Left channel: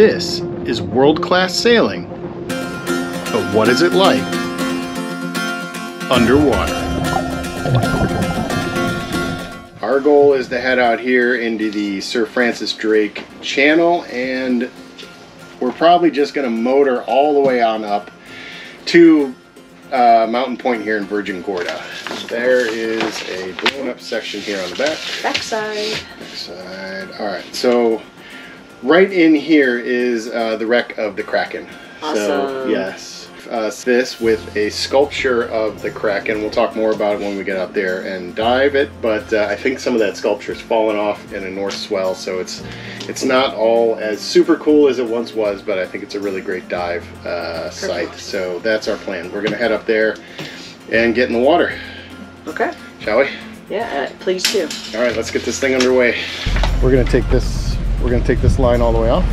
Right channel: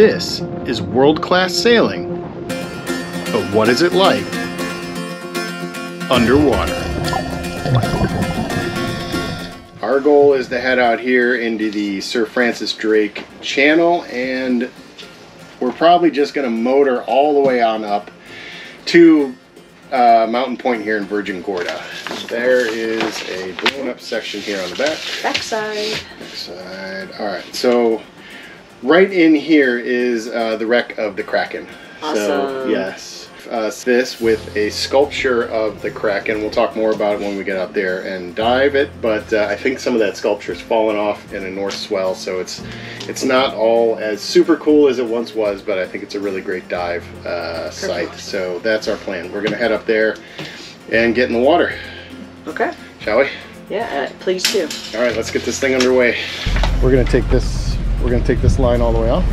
This is world-class sailing, but what is it like underwater? Our goal is to head out here into the Sir Francis Drake Channel, and we're probably just going to motor all the way on up to Mountain Point here in Virgin Gorda. There is a blown up section here on the back. Backside. Alright, so right in here is the wreck of the Kraken. Awesome. So, yes. This with a sculpture of the Kraken. We'll talk more about it when we get out there and dive it, but I think some of that sculpture has fallen off in a north swell, so it's not all as super cool as it once was, but I think it's a really great dive site. So that's our plan. We're going to head up there and get in the water. Okay. Shall we? Yeah, please do. All right, let's get this thing underway. We're going to take this. We're going to take this line all the way off.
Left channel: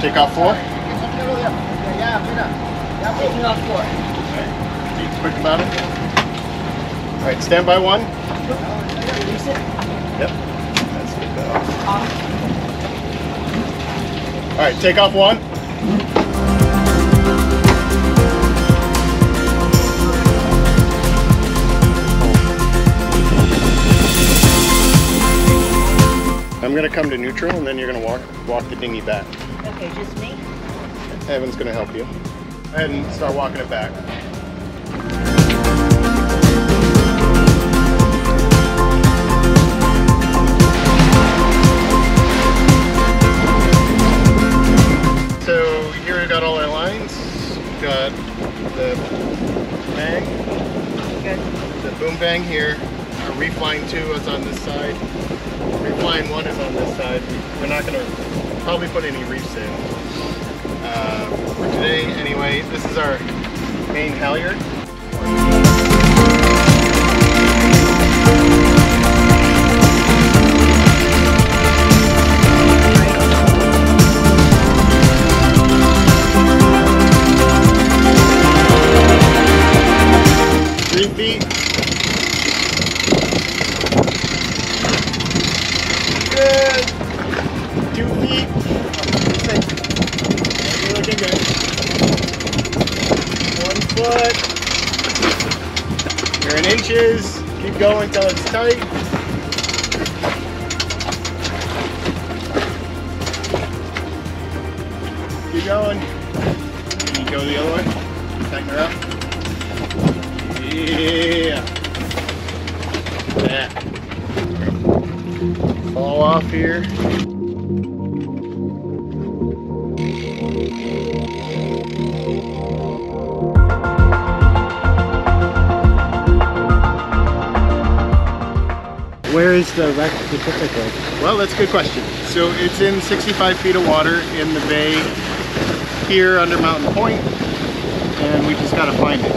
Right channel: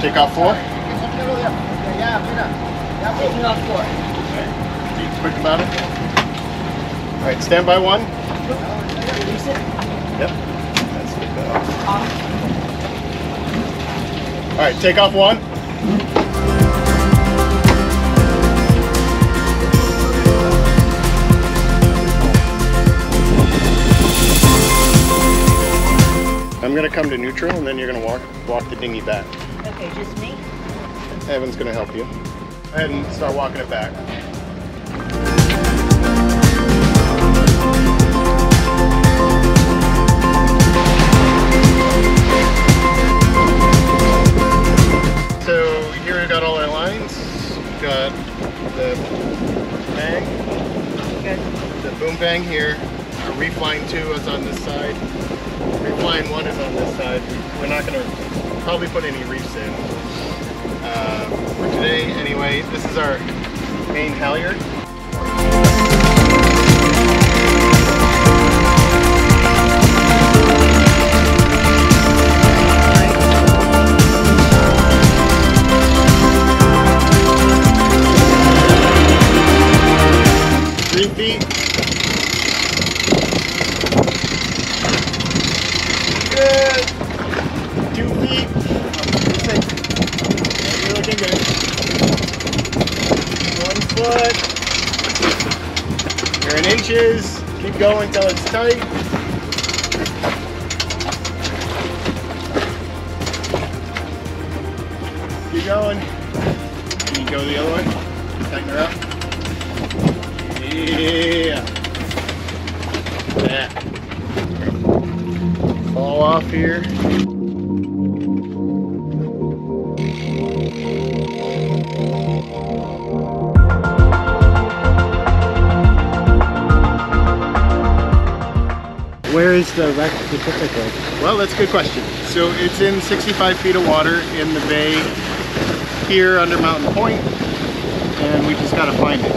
Take off 4? Taking off 4. Okay. Be quick about it. All right, stand by 1. Release it. Yep. That's good. All right, take off 1. I'm gonna come to neutral, and then you're gonna walk the dinghy back. Okay, just me? Evan's gonna help you. Go ahead and start walking it back. So here we've got all our lines. We've got the bang, the boom bang here. Our reef line 2 is on this side. Reef line 1 is on this side. We're not going to probably put any reefs in for today. Anyway, this is our main halyard. 3 feet. Good. 2 feet. You're looking good. 1 foot. You're in inches. Keep going until it's tight. Keep going. Can you go the other way? Tighten her up. Yeah. Yeah. Fall off here. Where is the wreck specifically? Well, that's a good question. So it's in 65 feet of water in the bay here under Mountain Point, and we just got to find it.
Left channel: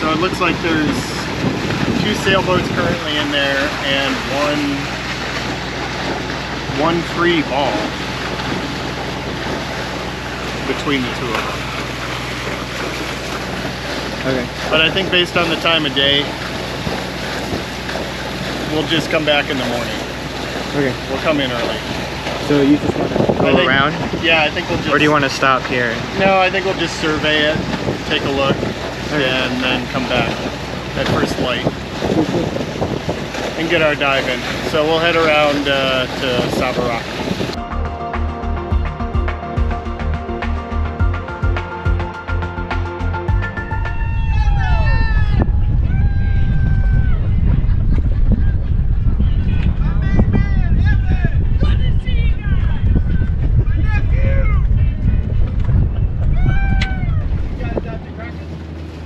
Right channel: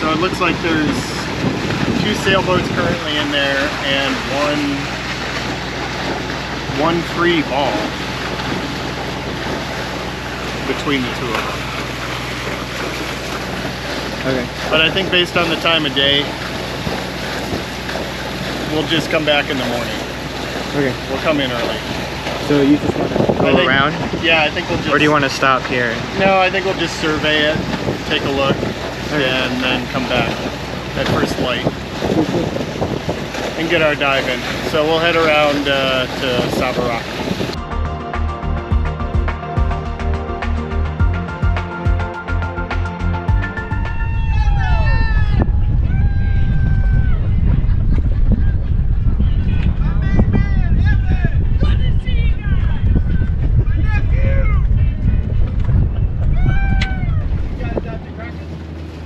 So it looks like there's 2 sailboats currently in there and one free ball between the 2 of them. Okay. But I think based on the time of day, we'll just come back in the morning. Okay. We'll come in early. So you just want to go around? Yeah, I think we'll just... Or do you want to stop here? No, I think we'll just survey it, take a look, and then come back at first light and get our dive in. So we'll head around to Sara.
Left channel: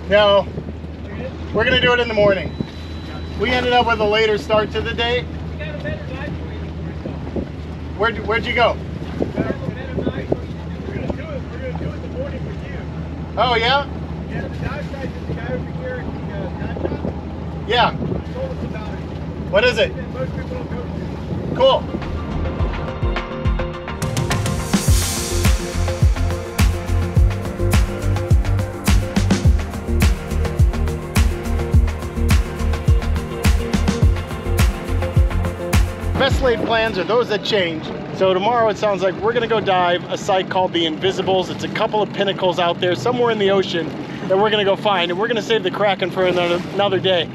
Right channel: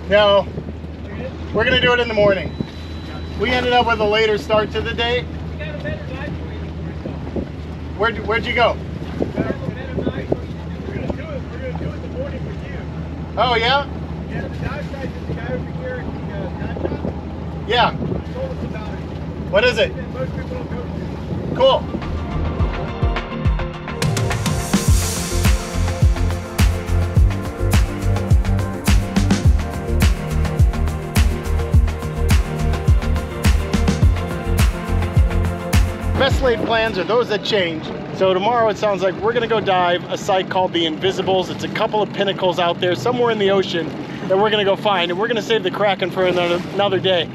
No, we're gonna do it in the morning. We ended up with a later start to the day. We got a better dive for you. Where'd you go? We're gonna do it in the morning with you. Oh yeah? Yeah, the dive site is the guy over here at the dive shop. Yeah. He told us about it. What is it? Most people don't go to. Cool. best laid plans are those that change. So tomorrow it sounds like we're gonna go dive a site called the Invisibles. It's a couple of pinnacles out there somewhere in the ocean that we're gonna go find, and we're gonna save the Kraken for another day.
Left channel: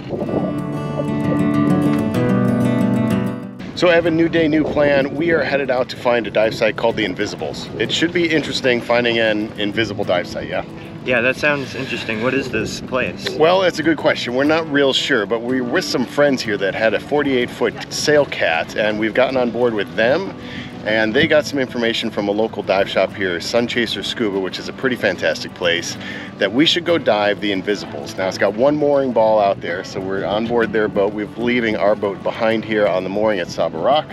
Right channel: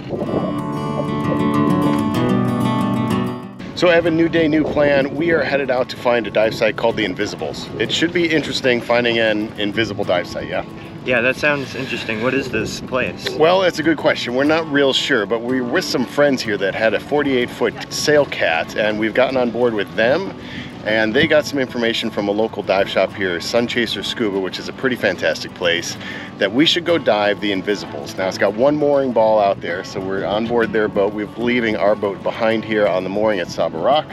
So Evan, new day, new plan. We are headed out to find a dive site called the Invisibles. It should be interesting finding an invisible dive site, yeah? Yeah, that sounds interesting. What is this place? Well, that's a good question. We're not real sure, but we're with some friends here that had a 48-foot sail cat, and we've gotten on board with them, and they got some information from a local dive shop here, Sunchaser Scuba, which is a pretty fantastic place, that we should go dive the Invisibles. Now, it's got one mooring ball out there, so we're on board their boat. We're leaving our boat behind here on the mooring at Saba Rock,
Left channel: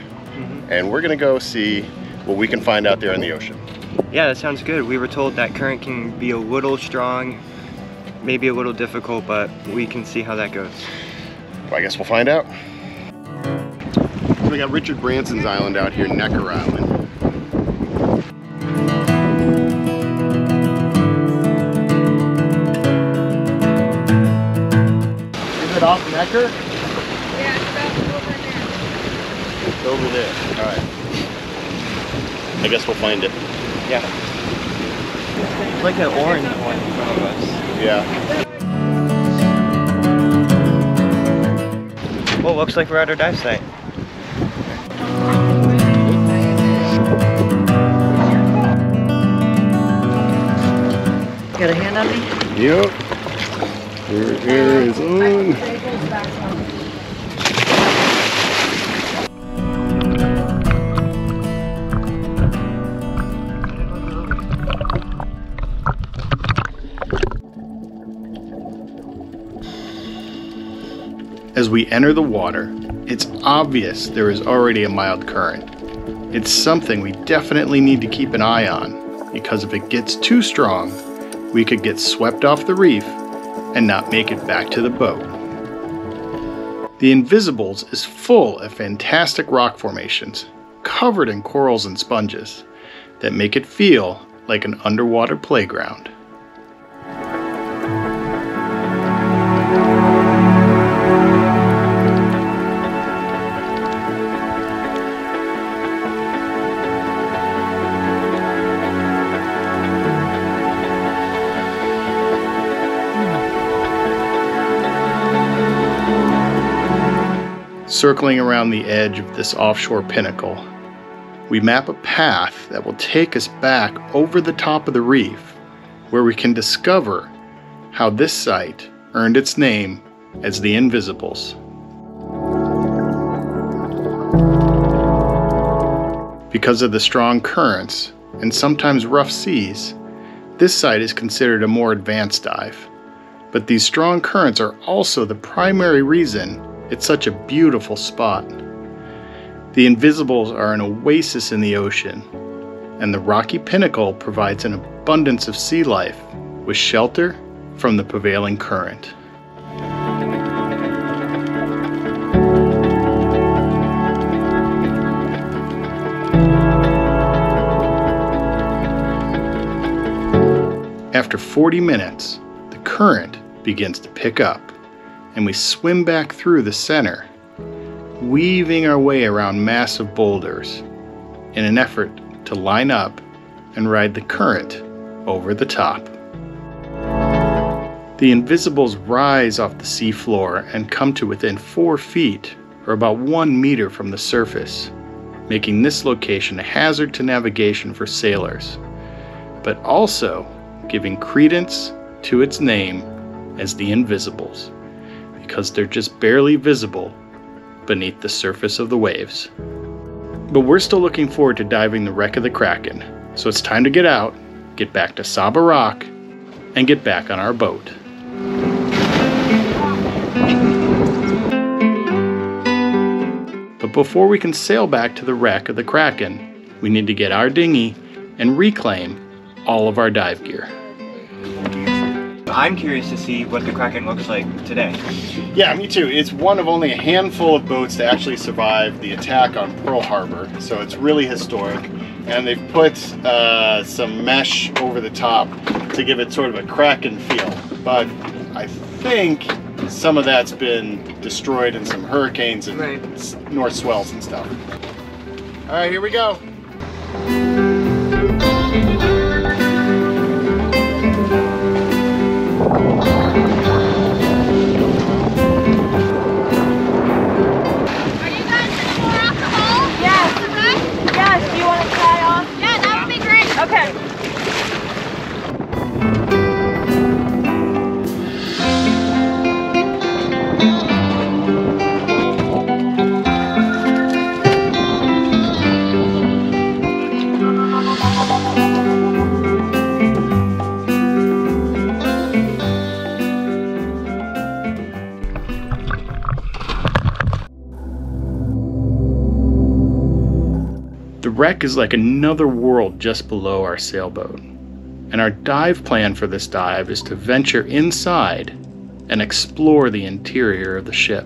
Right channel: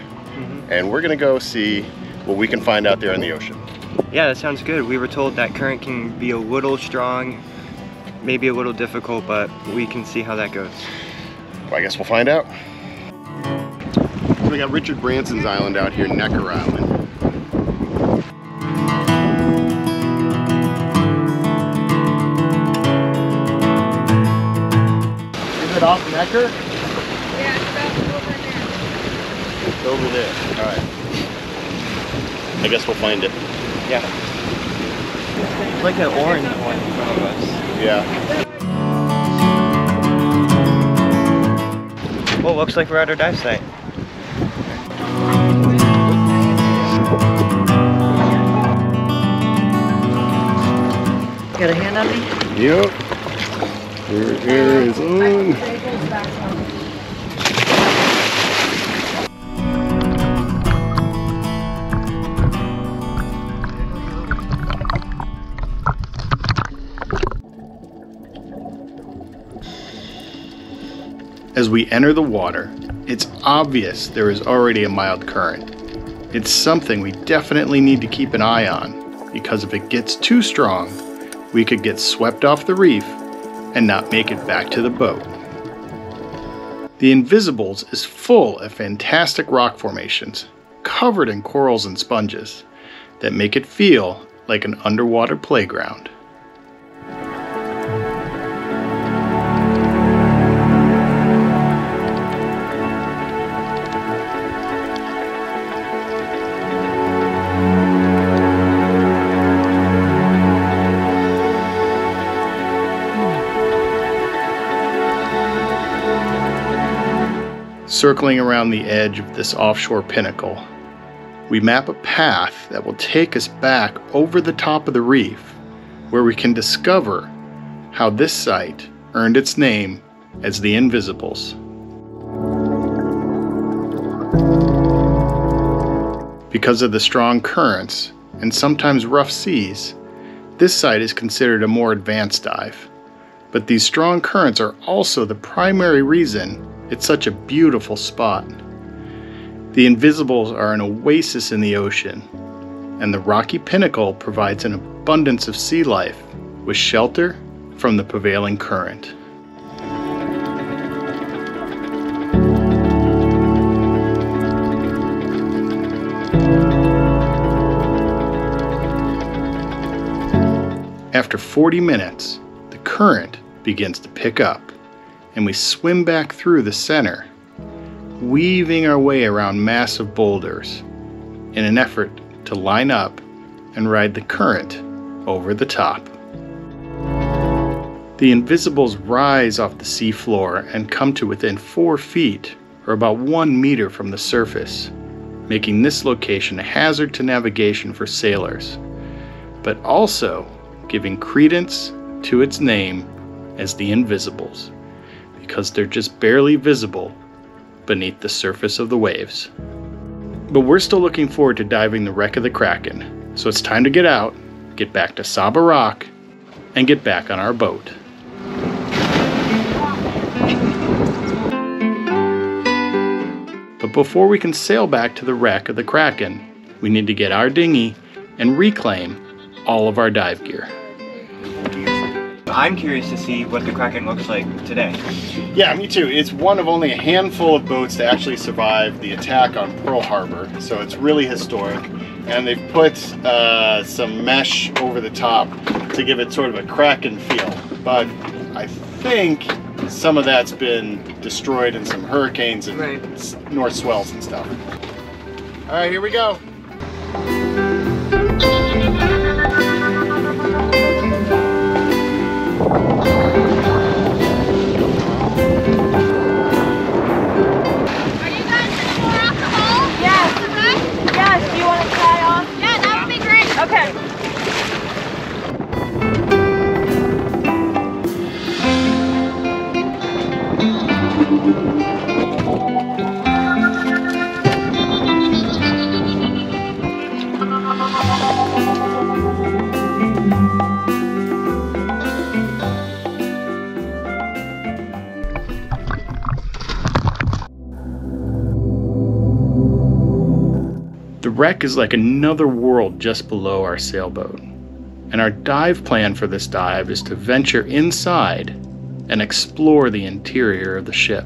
and we're gonna go see what we can find out there in the ocean. Yeah, that sounds good. We were told that current can be a little strong, maybe a little difficult, but we can see how that goes. Well, I guess we'll find out. So we got Richard Branson's island out here, Necker Island. Is it off Necker? Yeah, it's about over there. It's over there. All right. I guess we'll find it. Yeah. It's like an orange one in front of us. Yeah. Well, looks like we're at our dive site. Got a hand on me? Yep. Your air is on. As we enter the water, it's obvious there is already a mild current. It's something we definitely need to keep an eye on, because if it gets too strong, we could get swept off the reef and not make it back to the boat. The Invisibles is full of fantastic rock formations, covered in corals and sponges, that make it feel like an underwater playground. Circling around the edge of this offshore pinnacle, we map a path that will take us back over the top of the reef, where we can discover how this site earned its name as the Invisibles. Because of the strong currents and sometimes rough seas, this site is considered a more advanced dive. But these strong currents are also the primary reason it's such a beautiful spot. The Invisibles are an oasis in the ocean, and the rocky pinnacle provides an abundance of sea life with shelter from the prevailing current. After 40 minutes, the current begins to pick up, and we swim back through the center, weaving our way around massive boulders in an effort to line up and ride the current over the top. The Invisibles rise off the seafloor and come to within 4 feet, or about 1 meter from the surface, making this location a hazard to navigation for sailors, but also giving credence to its name as the Invisibles, because they're just barely visible beneath the surface of the waves. But we're still looking forward to diving the wreck of the Kraken, so it's time to get out, get back to Saba Rock, and get back on our boat. But before we can sail back to the wreck of the Kraken, we need to get our dinghy and reclaim all of our dive gear. I'm curious to see what the Kraken looks like today. Yeah, me too. It's one of only a handful of boats to actually survive the attack on Pearl Harbor, so it's really historic. And they've put some mesh over the top to give it sort of a Kraken feel. But I think some of that's been destroyed in some hurricanes and Right. north swells and stuff. All right, here we go. Are you guys gonna pour off the hole? Yes. The wreck? Yes, do you want to try off? Yeah, that would be great. Okay. The wreck is like another world just below our sailboat, and our dive plan for this dive is to venture inside and explore the interior of the ship.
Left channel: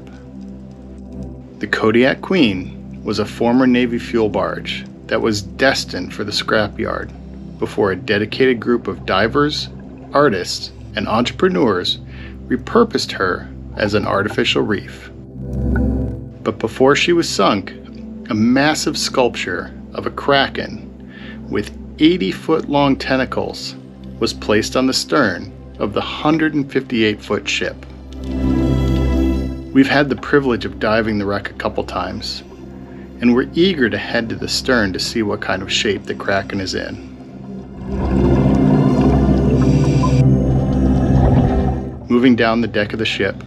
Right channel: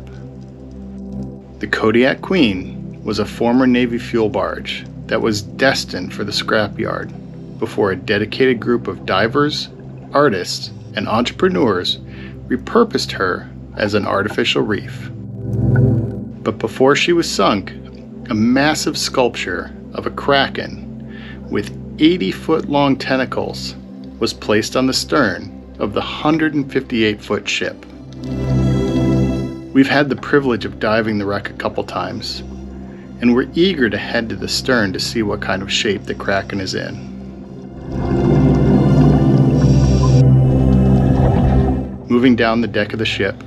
The Kodiak Queen was a former Navy fuel barge that was destined for the scrapyard before a dedicated group of divers, artists, and entrepreneurs repurposed her as an artificial reef. But before she was sunk, a massive sculpture of a kraken with 80-foot-long tentacles was placed on the stern of the 158-foot ship. We've had the privilege of diving the wreck a couple times, and we're eager to head to the stern to see what kind of shape the kraken is in. Moving down the deck of the ship,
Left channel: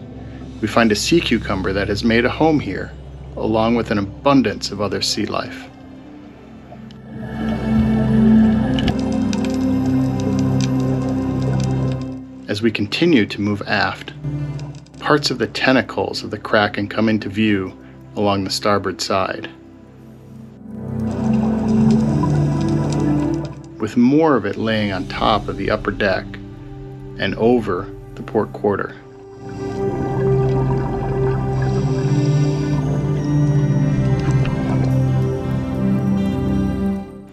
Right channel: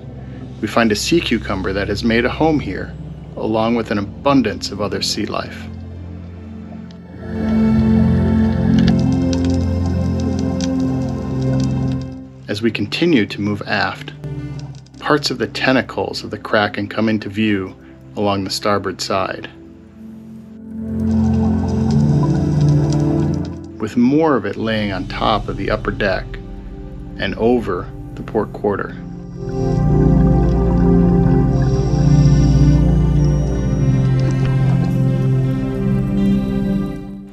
we find a sea cucumber that has made a home here, along with an abundance of other sea life. As we continue to move aft, parts of the tentacles of the kraken come into view along the starboard side, with more of it laying on top of the upper deck and over the port quarter.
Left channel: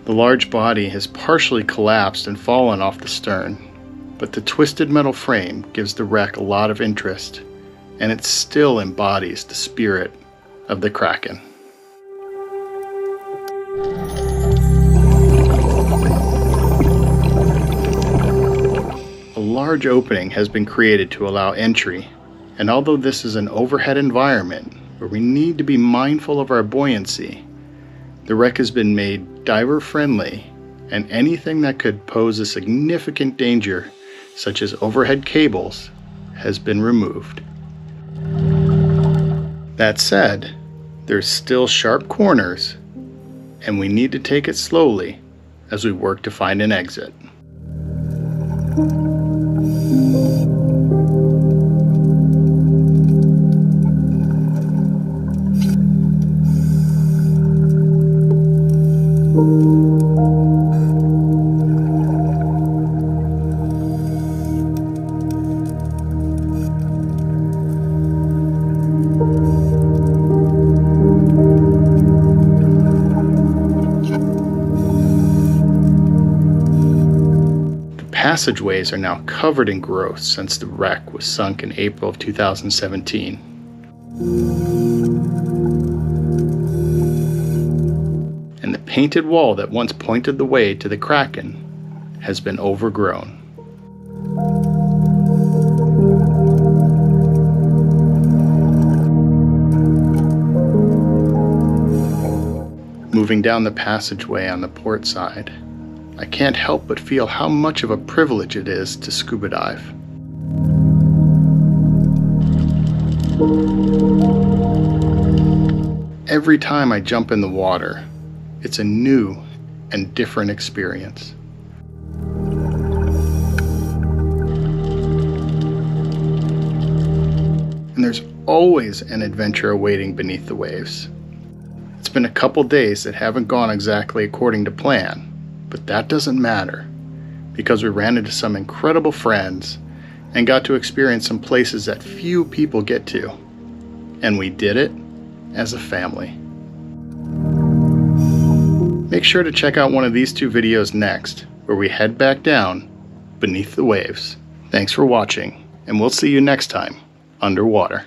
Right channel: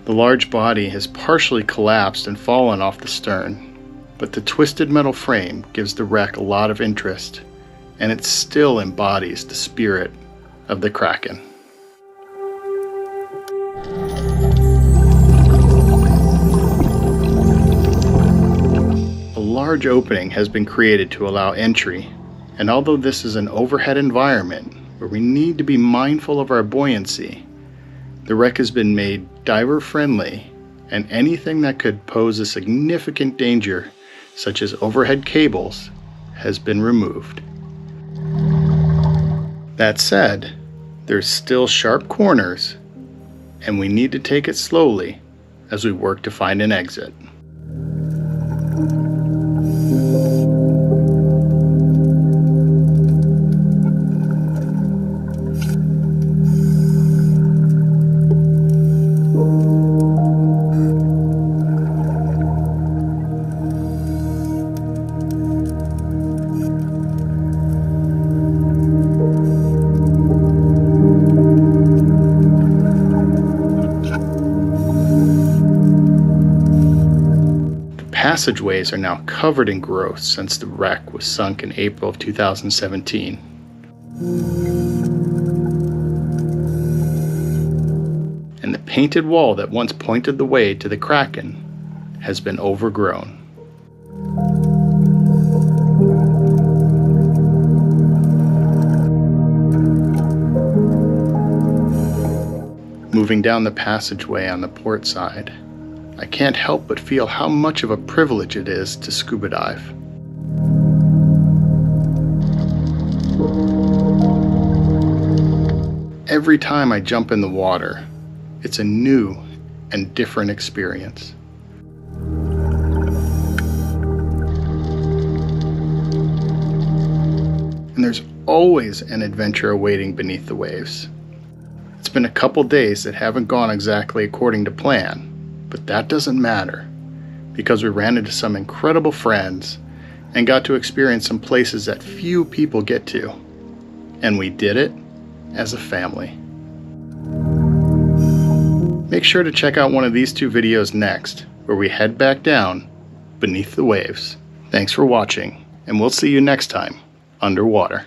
The large body has partially collapsed and fallen off the stern, but the twisted metal frame gives the wreck a lot of interest, and it still embodies the spirit of the kraken. A large opening has been created to allow entry, and although this is an overhead environment where we need to be mindful of our buoyancy, the wreck has been made diver friendly, and anything that could pose a significant danger, such as overhead cables, has been removed. That said, there's still sharp corners, and we need to take it slowly as we work to find an exit. Passageways are now covered in growth since the wreck was sunk in April of 2017. And the painted wall that once pointed the way to the kraken has been overgrown. Moving down the passageway on the port side, I can't help but feel how much of a privilege it is to scuba dive. Every time I jump in the water, it's a new and different experience. And there's always an adventure awaiting beneath the waves. It's been a couple days that haven't gone exactly according to plan, but that doesn't matter, because we ran into some incredible friends and got to experience some places that few people get to. And we did it as a family. Make sure to check out one of these two videos next, where we head back down beneath the waves. Thanks for watching, and we'll see you next time underwater.